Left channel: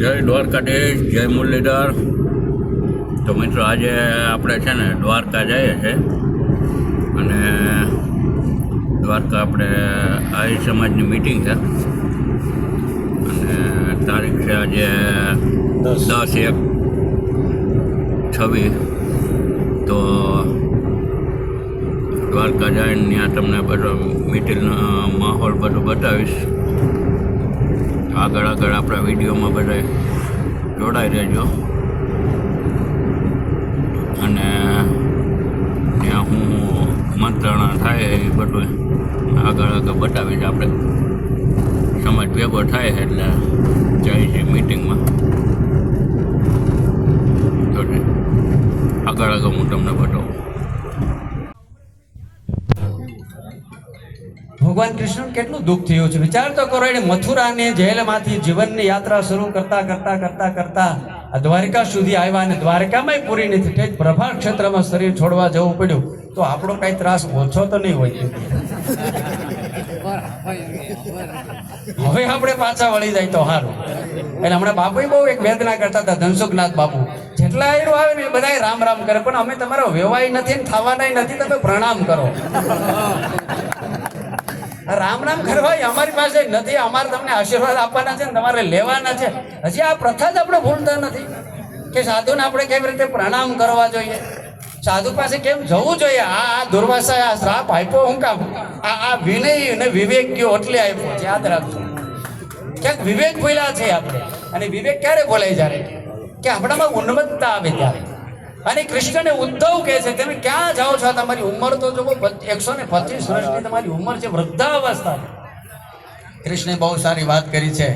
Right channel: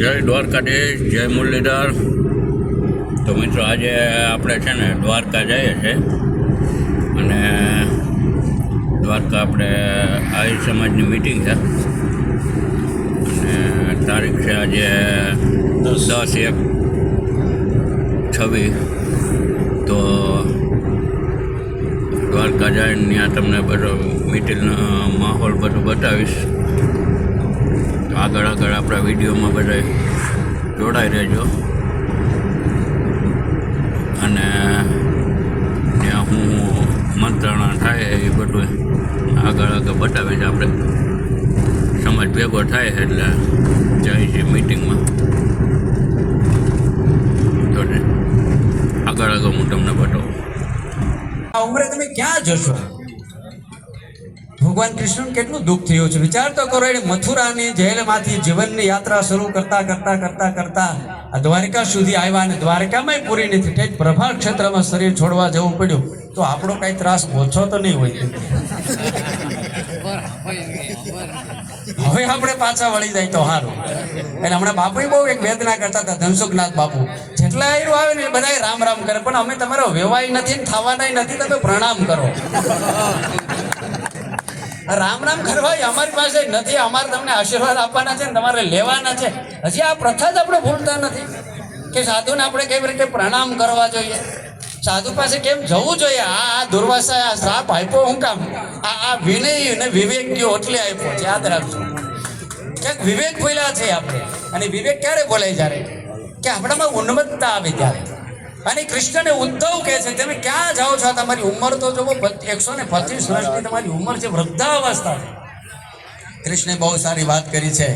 જય દ્વારકાધીશ, જય મુરલીધર। તો મિત્રો આજે આપણે છે ને દ્વારકા જઈએ છીએ અને દ્વારકા આપણે આહિર સમાજની મિટિંગ છે અને તારીખ છે આજે 10/1/26। તો દ્વારકા જઈને ત્યાં તમને બધો મિટિંગનો માહોલ બધું બતાવીશ। આગળ આપણા વિડીયોમાં બધા જોડાઈ રહેજો અને ત્યાં હું મંત્રણા થાય એ બધું આગળ બતાવીશ। આપણે સમાજ ભેગો થાય એટલે જાય છે મિટિંગમાં, તો આગળ હું તમને બતાવું। આ ઉંમરે તમે ક્યાં જશો? ભગવાન કૃષ્ણ કેટલું દુઃખ થયું છે વિચાર તો કરો। એને મથુરાની જેલમાંથી જીવનની યાત્રા શરૂ કરતા આ દ્વારકા સુધી આવ્યા અને દ્વારકામાં પૂરી નથી, ઠેક પ્રભાર ક્ષેત્રમાં શરીર છોડવા જવું પડ્યું। તો આપણો કઈ ત્રાસ ઓછો તો નહીં હોય। હવે આપણે પાછા વળી જાય તો સારું। એટલે હમણાં બાપુ બહુ એક વેદના કરતા હતા, ધનસુખનાથ બાપુ। જેટલા આયરો આવે ને બધા રામ રામ કરે, પણ અમે તમારો વેવાય નથી ને થવાના નથી, તમે પ્રણામ કરો। રામ રામ કરવા અમારી પાસે નથી, અમારે તમને આશીર્વાદ આપવાના છે ને તમારે લેવાના છે। હજી આ પ્રથા જ આપણે ભૂલતા નથી કે સાધુને આપણે કેવી રીતે પ્રણામ કરવા જોઈએ, સાધુ પાસે કેમ જવું જોઈએ। આ દુર્વાસાએ આ શ્રાપ આપ્યો હું કામ? આ વિનય અને વિવેક ગયો એટલે આપ્યો છે, યાદ રાખજો। ક્યાંક વિવેક ભૂલ્યા છે આપણે, અને વિવેક ક્યારે બોલાય? જ્યારે કે આપણામાં ઉન્નતતા આવે ત્યારે। અને કૃષ્ણને ઉદ્ધવ કહે છે તમે ક્યાં જાઓ છો? તમારી ઉંમર તો જો 125 વર્ષની તમારી ઉંમર છે, વૃદ્ધાવસ્થા છે। કૃષ્ણે બહુ સારી વાત કરી છે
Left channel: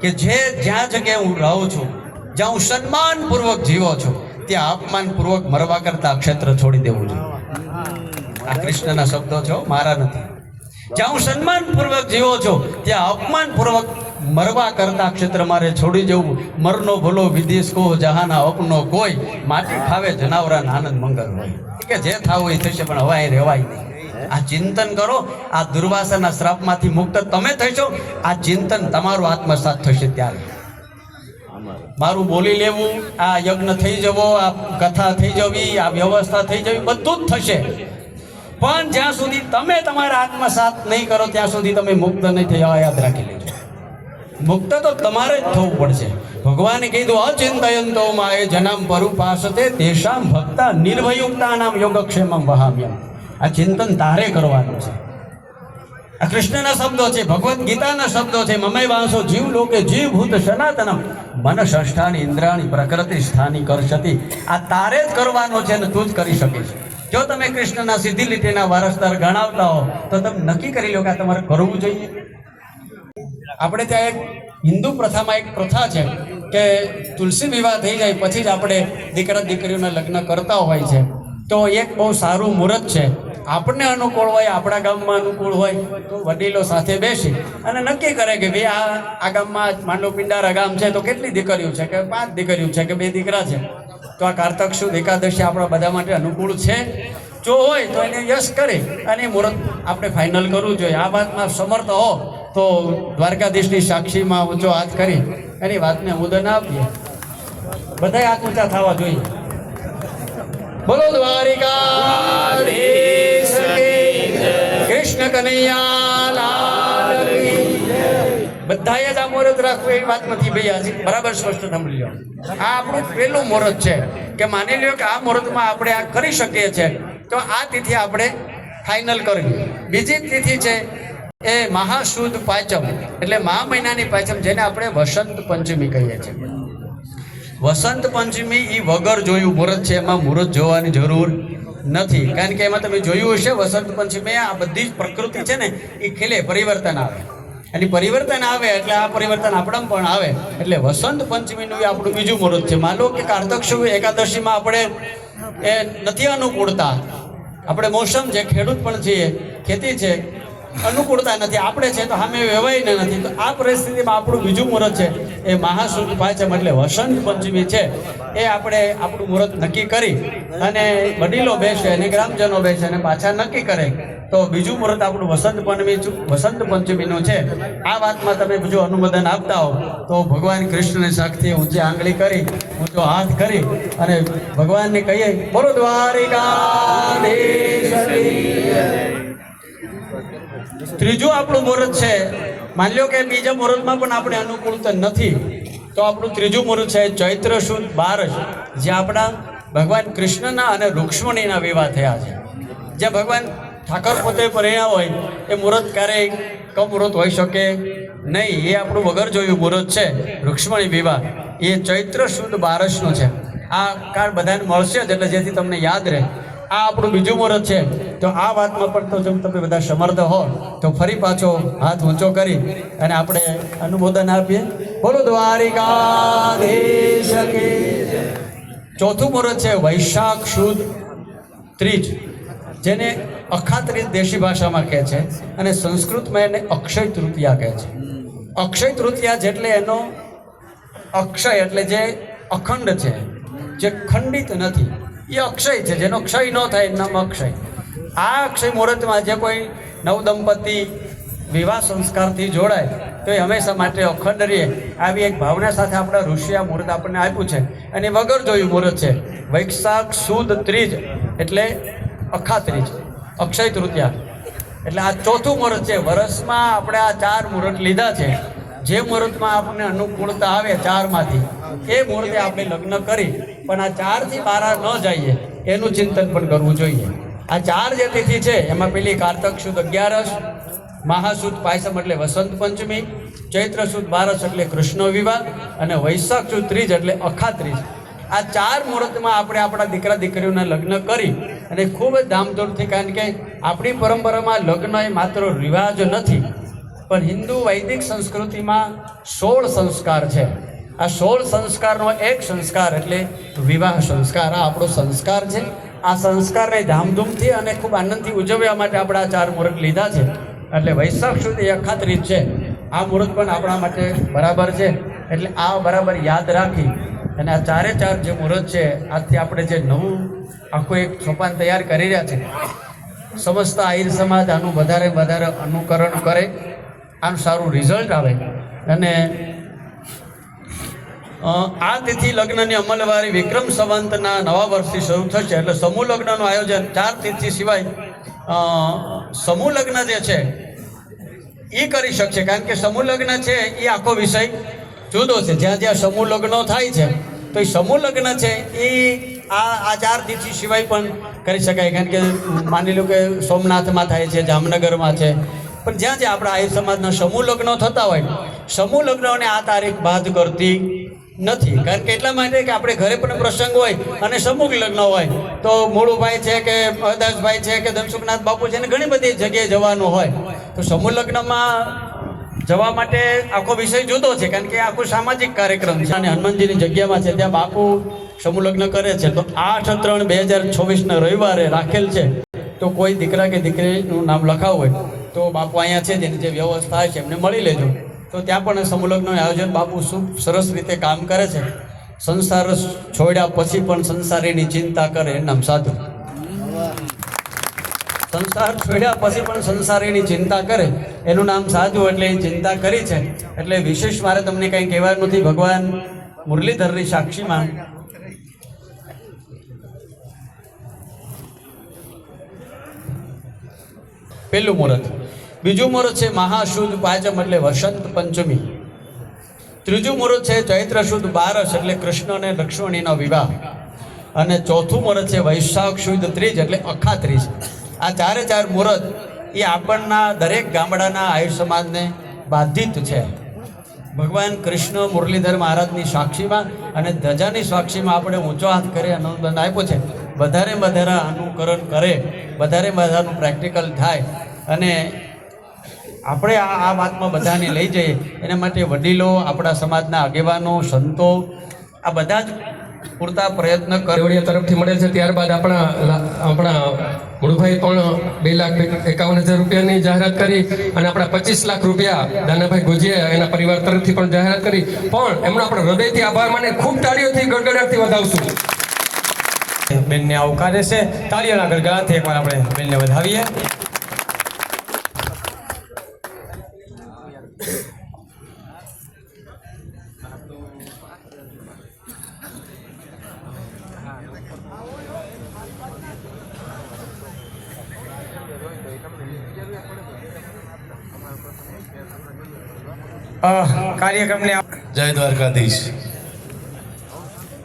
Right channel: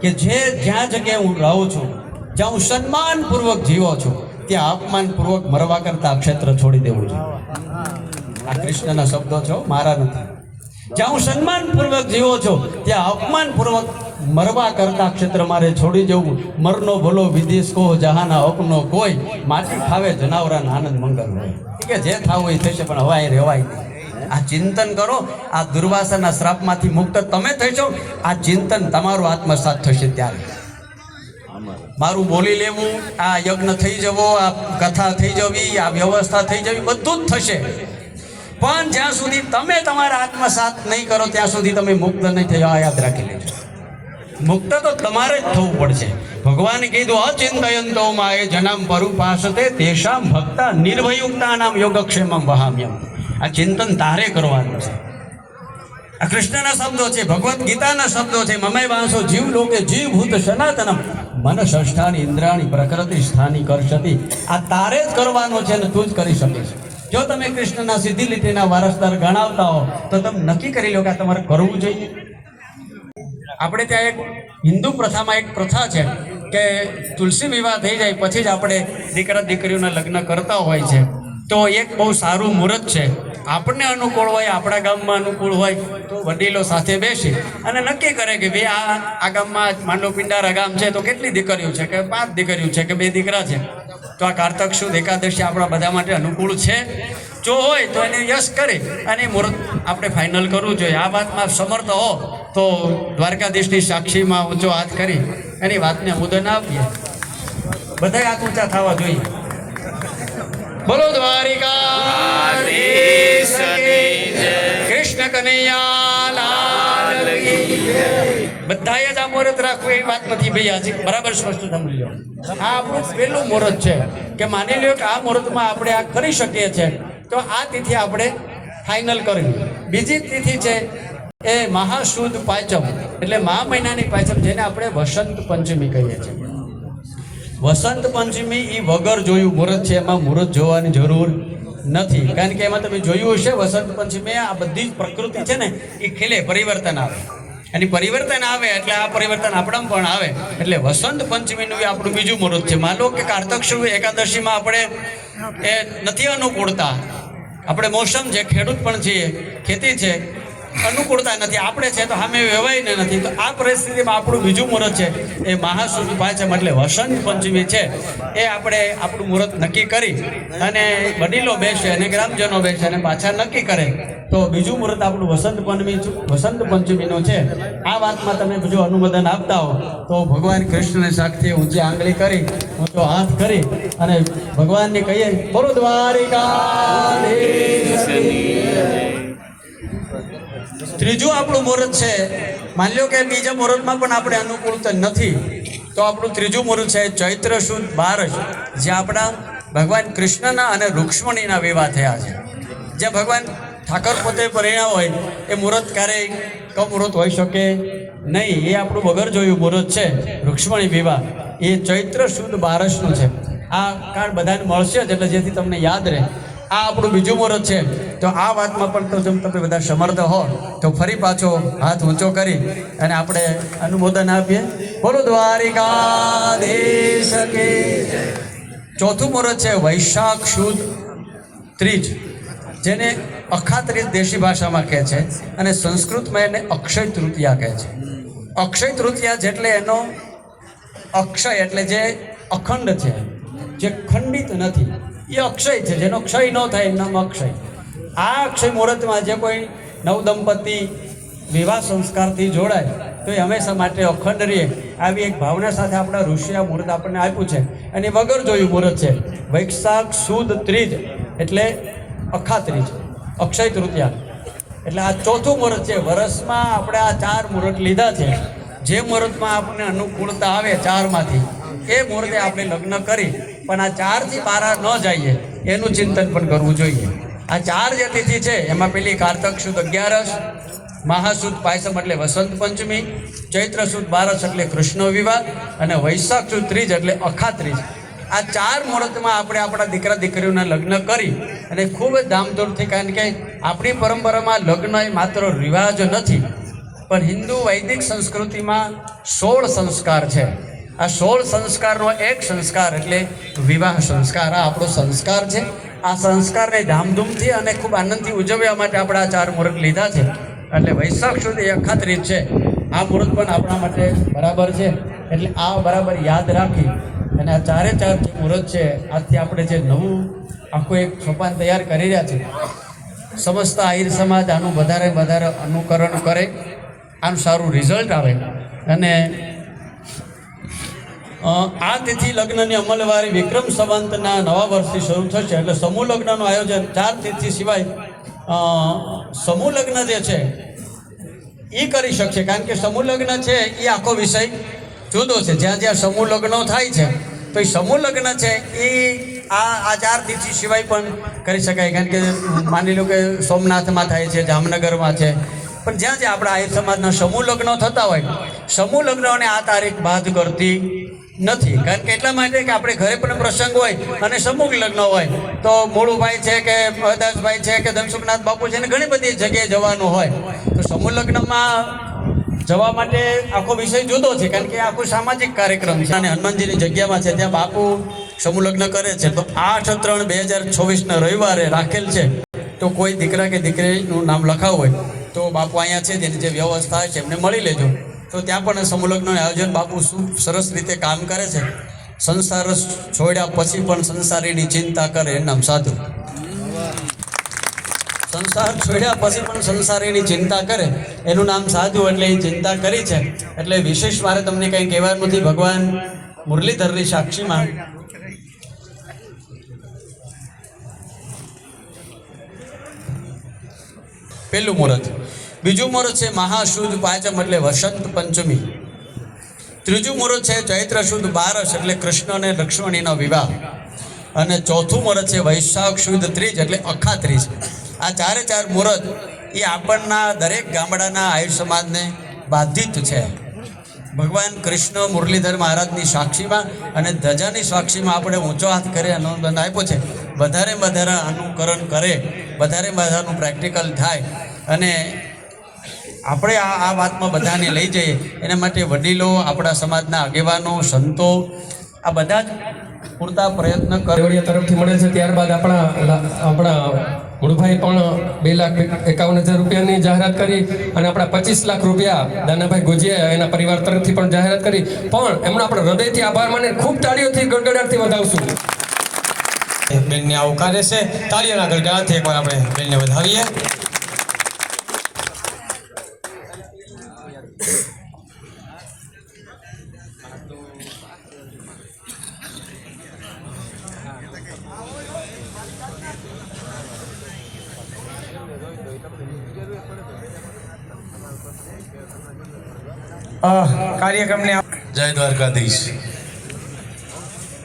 કે જ્યાં જગ્યાએ હું રહું છું, જ્યાં હું સન્માનપૂર્વક જીવો છું, ત્યાં અપમાનપૂર્વક મરવા કરતા ક્ષેત્ર છોડી દેવું જોઈએ। આ કૃષ્ણના શબ્દો છે, મારા નથી। જ્યાં હું સન્માનપૂર્વક જીવો છો ત્યાં અપમાનપૂર્વક મરવા કરતા ક્ષેત્ર મારે છોડી જવું। મરનો ભલો વિદેશ કહો જહાના અપનો કોઈ, માટી ખાવે જનાવરાના આનંદ મંગળ હોય। કે જે થાવું એ થશે, પણ હવાય રહેવાય નહીં। આ ચિંતન કરો, આ દુર્વાસાના શ્રાપમાંથી મુક્ત તમે થશો। આ ચિંતન તમારું આત્મસાત થશે ત્યારે મારું બોલી લેવું, આ યજ્ઞ થઈ જવો, આ કથા થઈ જવી, આ વ્યવસ્થા થઈ જવી, બધું જ થશે। પણ જ્યાં સુધી તમે તમારા આત્મસાત નહીં કરો ત્યાં સુધી તમે મુક્ત નહીં થયા, યાદ રાખી લેજો। મુક્ત તો તમારે જ થવું પડશે। ભગવાને કીધું અચિંતયંતો માએ જનામ પરુપાસતે તેષામ ભક્તા નિર્ભયુક્તાનામ યોગક્ષેમમ વહામ્યમ। આ ચિંતન તારે કરવાનું છે। આ કૃષ્ણના શબ્દો છે, ભગવદ્ ગીતાના શબ્દો છે। મમય વાંસો જીવ લોકે જીવભૂત સનાતનમ મન સંસ્થાની ઇન્દ્રાણી પ્રકૃતિ સ્થાની કરશતી। આ તારે જ કરવાનો છે અને તું જ કરી શકીશ। જો તમે કૃષ્ણના સીધી લીટીના વારસદાર ગણાવતા હો તો તમે નક્કી કરી લો કે આ તમારે કરવું જોઈએ। આપણે ત્યાં એક હિન્દુ પ્રથામાં એક પ્રથા છે કે તુલસી વિવાહ થઈ જાય પછી જ આપણે દીકરા દીકરીઓના લગ્ન કરતા હોય છે। તો એક બહુ સારું મુહૂર્ત છે, આપણને અનુકૂળ હોય, આપણા ગામમાં અનુકૂળ હોય તો વડીલો સાથે બેસી અને નક્કી કરે કે ભાઈ આ ગામમાં માંડો પિંડારા ગામ છે તો કેટલી દીકરીઓ છે, કે 5 દીકરીઓ છે, કે 2 દીકરા છે, તો આ કારતક સુદ એકાદશી આપણા બધા માટે અનુકૂળ છે। જો હોય તો એને યશ કરી અને મુહૂર્ત આપણે ફાઇનલ કરવું જોઈએ। આ વાતમાં સમર્થ હો તો દ્વારકાધીશની સાક્ષીમાં ઊંચો હાથ કરી એની વાતને ઉદન આપીએ। બધા હાથ ઊંચા થવા જોઈએ। બોલો દ્વારિકાધીશ કૃષ્ણ કનૈયા લાલ કી જય। બધાએ જ આ મુહૂર્ત રાખવું એ વાત નથી ભાઈ, આજે બરાબર સ્પષ્ટ સમજી લો। આ આપણું પહેલું મુહૂર્ત છે કે માની લો કે આ મુહૂર્તમાં આપણે આ કરી શકીએ છીએ, તો આ તિથિ આપણે ફાઇનલ કરવી। બીજી તિથિ છે એ મહાસુદ પાંચમ, એટલે મહા મહિનાની પાંચમ, જેને આપણે વસંત પંચમી કહીએ છીએ। વસંત પંચમી એ વગર જોયું મુહૂર્ત છે, એમાં મુહૂર્ત જોવાની જરૂર નથી, કારણ કે એમાં તમે જોયું હશે વસંત પંચમી આ બધી જ પ્રકૃતિ છે ને એ ખીલે, પરિવર્તન આવે, અને પરિવર્તન આવે એટલે આ પરિવર્તન આપણામાં પણ આવે। એટલે વસંત પંચમીનું આપણું બીજું મુહૂર્ત છે। માનો કે કારતક સુદ એકાદશીમાં આપણે એ નથી અનુકૂળતા, આપણે મોસમ છે, ખેડૂત પણ છીએ, ખેતી છે, અનુકૂળતા નથી, આપણે છે તો સામે વેવાઈને નથી, તો આ પરિસ્થિતિમાં આપણું બીજું મુહૂર્ત છે એ મહાસુદ પાંચમ એટલે વસંત પંચમી છે। એ આપણે આપણું મુહૂર્ત નક્કી કરી અને વડીલો બેસે અને ગ્રામજનો બેસે અને પાછા નક્કી કરે તો બીજું મુહૂર્ત આપણું વસંત પંચમીનું છે. આ વાતમાં તમે બીજું અનુમોદન આપતા હો તો ભગવાન કૃષ્ણને સાક્ષી ઊંચી આંગળી કરી, ઊંચો હાથ કરી અને ભગવાનને કહીએ બોલો દ્વારિકાધીશ. ત્રીજું આપણું મુહૂર્ત છે. માની લો કે બીજા મુહૂર્તમાં પણ આપણે અનુકૂળતા નથી, તો આપણું ત્રીજું મુહૂર્ત છે ચૈત્ર સુદ 12, જે આપણા ભગવાન કૃષ્ણના અને રૂક્ષ્મણીના વિવાહ થયા છે. જે ભગવાન ઠાકર પોતે પરિણ્યા હોય એ મુહૂર્ત ક્યારેય કમુહૂર્ત હોઈ શકે નહીં. એ આપણું વગર જોયું મુહૂર્ત છે રૂક્ષ્મણી વિવાહ, એ ચૈત્ર સુદ 12નું છે. આ કાળ બધાને મળશે જ, એટલે જેથી તમને યાદ રહે. આ આપણું બીજું મુહૂર્ત છે. તો આ વાતમાં પણ તો જો તમે બધા સમર્થ હો તો ફરી પાછો હાથ ઊંચો કરી અને આપણે અનુમોદન આપીએ બોલો દ્વારિકાધીશ કી જય. ચોથું મુહૂર્ત છે વૈશાખ સુદ 30, જેને અખાત્રીજ દેશી ભાષામાં કહે છે અને સંસ્કૃતમાં એને અક્ષય તૃતીયા કહે છે. અક્ષય તૃતીયા જેટલે એનો અક્ષય એટલે જે અખંડ છે, જે ખંડિત નથી, એ અક્ષય છે. જેનો ક્ષય ન થાય એનું નામ અક્ષય. આ અક્ષય મુહૂર્તમાં જે કોઈ નવદંપતિ વિવાહ સંસ્કારથી જોડાય તો એ હંમેશા માટે અખંડ રહે, આવી એક ભાવના સાથે આપણા ઋષિએ આ મુહૂર્ત આપણને આપ્યું છે. અને વગર જોયું મુહૂર્ત છે વૈશાખ સુદ 30 એટલે અખાત્રીજ, અક્ષય તૃતીયા. એટલે આ ચોથું મુહૂર્ત છે. વર્ષમાં આપણે આ 4 મુહૂર્ત લીધા છે. જે મુહૂર્તમાં આપણને અનુકૂળતા આવે 4માંથી એ મુહૂર્તે આપણે લગ્ન કરી, પણ આ 4થી 12 ન જઈએ એનું ચિંતન પણ કરવું જોઈએ. આ 4 જે તિથિ છે એમાં પેલી કારતક સુદ 11, મહાસુદ પાયસમ એટલે વસંત પંચમી, ચૈત્ર સુદ 12 એટલે કૃષ્ણ વિવાહ અને વૈશાખ સુદ 30 એટલે અખાત્રીજ. આ 4 મુહૂર્તમાં આપણે આપણા દીકરા દીકરીઓના લગ્ન કરી અને ખૂબ જ ધામધૂમથી, કારણ કે આપણી પરંપરામાં લગ્ન એ માત્ર રિવાજ નથી, પણ હિન્દુ વૈદિક સંસ્કૃતિમાં 16 સંસ્કાર છે. આ 16 સંસ્કારનો એક સંસ્કાર એટલે વિવાહ સંસ્કાર. આ આપણો સંસ્કાર છે. આ સંસ્કારને ધામધૂમથી અને ખૂબ આનંદથી ઉજવવા માટે આપણે આ 4 મુહૂર્ત લીધા છે. એટલે વૈશાખ સુધી અખાત્રીજ છે. આ મુહૂર્ત પણ આપણા માટે બરાબર છે. એટલે આ બરાબર યાદ રાખી અને આ 4 જે મુહૂર્ત છે, આજથી આપણે જે નવું આખું એક સોપાન તૈયાર કરી રહ્યા છે, સમસ્ત આહિર સમાજ આનું વધારે અનુકરણ કરે, આનું સારું રિઝલ્ટ આવે. અને આ તિથિ લગ્નની અમલવારી વિક્રમ સંવંતના નવા વર્ષથી શરૂ થશે. એટલે સમૂહ લગ્નનું આયોજન 4 તિથિ સિવાય સમૂહ લગ્ન જે છે એ કરી શકશે, કારણ કે સમૂહ લગ્ન છે એ આખો વિષય જુદો છે. જ્યાં જ્યાં સમૂહ લગ્નો થાય છે તો એ સમૂહ લગ્ન છે એ આ 4 તિથિ સિવાય પણ કરી શકાય. કારણ કે માની લો કે સોમનાથમાં થાય છે, જામનગરમાં છે, પણ જ્યાં જ્યાં આપણા આહિર સમાજના સમૂહ લગ્નો થતા હોય, સમૂહ લગ્નોને આ તારીખ બાદ કરતી નથી. કારણ કે એટલા માટે કે આપણે ઘરે પણ પ્રસંગ હોય અને સમૂહ લગ્ન હોય તો મોળુભાઈ છે કે દાસભાઈ છે કે ધનસુખનાથ બાપુ છે ને ઘણી બધી જગ્યાએ જવાનું હોય, તો સમૂહ લગ્નમાં જવા માટે આખો વિષય જુદો છે. કારણ કે આખો સામાજિક કાર્યક્રમ છે અને હનુમાનજીની જગ્યામાં છે, ત્યાં બાપુ સમૂહ લગ્ન કરે છે. તો 8/3/2024 રવિવારે રાખેલ છે. તો કોઈ દીકરા કે દીકરીનું નામ લખાવું હોય તો બાપુ અહીંયા છે, જેની જે વ્યવસ્થા છે એમને મળી લેજો. તો ત્યાં પણ સમૂહ લગ્નનું આયોજન બાપુ સરસ રીતે કામ કરે છે. સંસાર છોડ્યા પછી પણ સંસારીની ચિંતા કરે એનું નામ સાધુ. સંસાર છોડ્યા પછી પણ સંસારીની ચિંતા કરે એનું નામ સાધુ. એટલે એ ચિંતા કરી છે. એટલે વિશેષ મારે તમને કંઈ કહેવાનું નથી. ભગવાન મુરલીધરની સાક્ષીમાં પહેલું મુહૂર્ત. બીજું મુહૂર્ત છે મહાસુદ પાંચમ એટલે વસંત પંચમી. ત્રીજું મુહૂર્ત છે ચૈત્ર સુદ 12 એટલે કૃષ્ણ અને લક્ષ્મણીનો વિવાહ. અને ચોથું મુહૂર્ત છે વૈશાખ સુદ 30 એટલે અખાત્રીજ. આ 4 મુહૂર્ત એ આપણના દરેક ગામડાના આહિર સમાજને બાધિત છે. ભગવાન કૃષ્ણ મુરલીધર મહારાજની સાક્ષીમાં અને ધજાની સાક્ષીમાં આપણે ઊંચો હાથ કરે અનુદાન આપ્યો છે. વધારે અનુકરણ કરે, વધારે પ્રેક્ટિકલ થાય અને આપણે આ વાતમાં બધાને લઈ જઈએ. એના માટે વડીલો, આપણા સમાજના આગેવાનો, સંતો આ બધા જ પૂરતા પ્રયત્ન કેવડિયા તરફથી મળેલ છે. ત્યારબાદ આપણા મુળભાઈ પણ 2,51,000 રૂપિયાની જાહેરાત કરી અને આપણા 25 લાખ રૂપિયા દાનાભાઈ ગુજિયા એના પરિવાર તરફથી પણ જાહેરાત કરી. પણ એમનો આપણે હૃદયથી આભાર માની ખૂબ તાળીઓથી ગડગડાટથી વધાવશું. બેનને આવકારે છે. તાળીઓના ગડગડાટથી એકવાર આપણે બેનને વધાવીએ. કાર્યક્રમને જય દ્વારકાધીશ.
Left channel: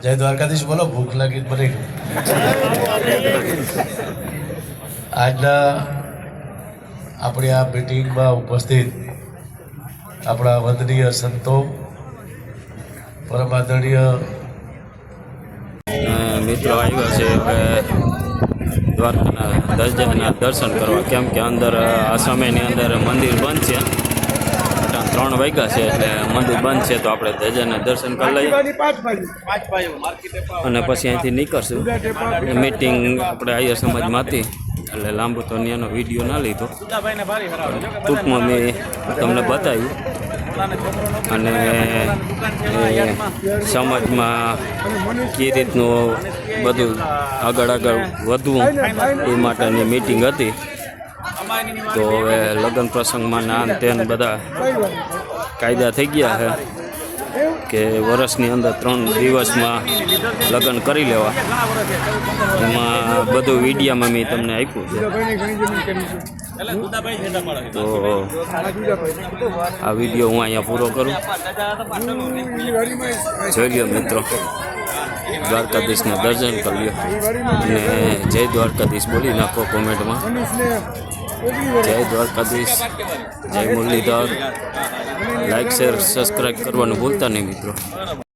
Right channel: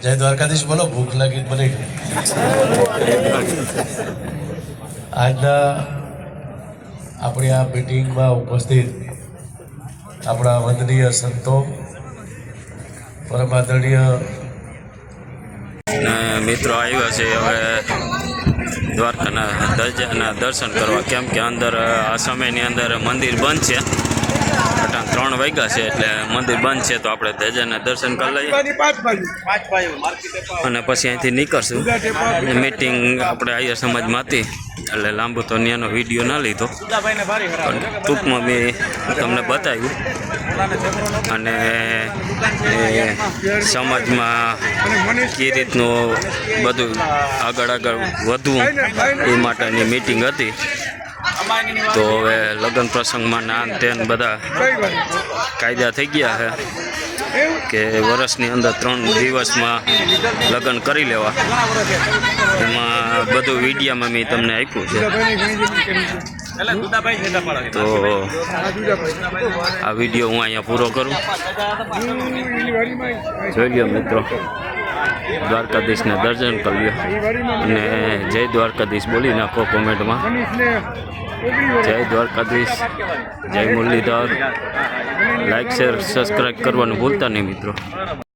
જય દ્વારકાધીશ બોલો, ભૂખ લાગી ભલે. આજના આપણી આ મિટિંગમાં ઉપસ્થિત આપણા વંદનીય સંતો, પરમ આદરણીય અને મિત્રો આવ્યા છે હવે દ્વારકાના ધજાના દર્શન કરવા, કેમ કે અંદર આ સમયની અંદર મંદિર બંધ છે. 3 વાગ્યા છે એટલે મંદિર બંધ છે, તો આપણે ધજાના દર્શન કરી લઈએ અને પછી અહીંથી નીકળશું. મીટિંગ આપણે આર્ય સમાજમાં હતી એટલે લાંબુ તો ત્યાંનો વિડીયો ના લીધો, પણ ટૂંકમાં મેં તમને બતાવ્યું. અને એ સમાજમાં કઈ રીતનું બધું આગળ વધવું એ માટેની મીટિંગ હતી. તો હવે લગ્ન પ્રસંગમાં નાન તેન બધા કાયદા થઈ ગયા છે કે વર્ષની અંદર 3 દિવસમાં લગ્ન કરી લેવા. એમાં બધું વિડીયામાં મેં તમને આપ્યું છે. તો આ વિડીયો હું અહીંયા પૂરો કરું. જોઈ લો મિત્રો, દ્વારકાધીશને દર્શન કરી લો અને જય દ્વારકાધીશ બોલી નાખો કોમેન્ટમાં. જય દ્વારકાધીશ, જય મુરલીધર. લાઈક શેર સબસ્ક્રાઈબ કરવાનું ભૂલતા નહીં મિત્રો.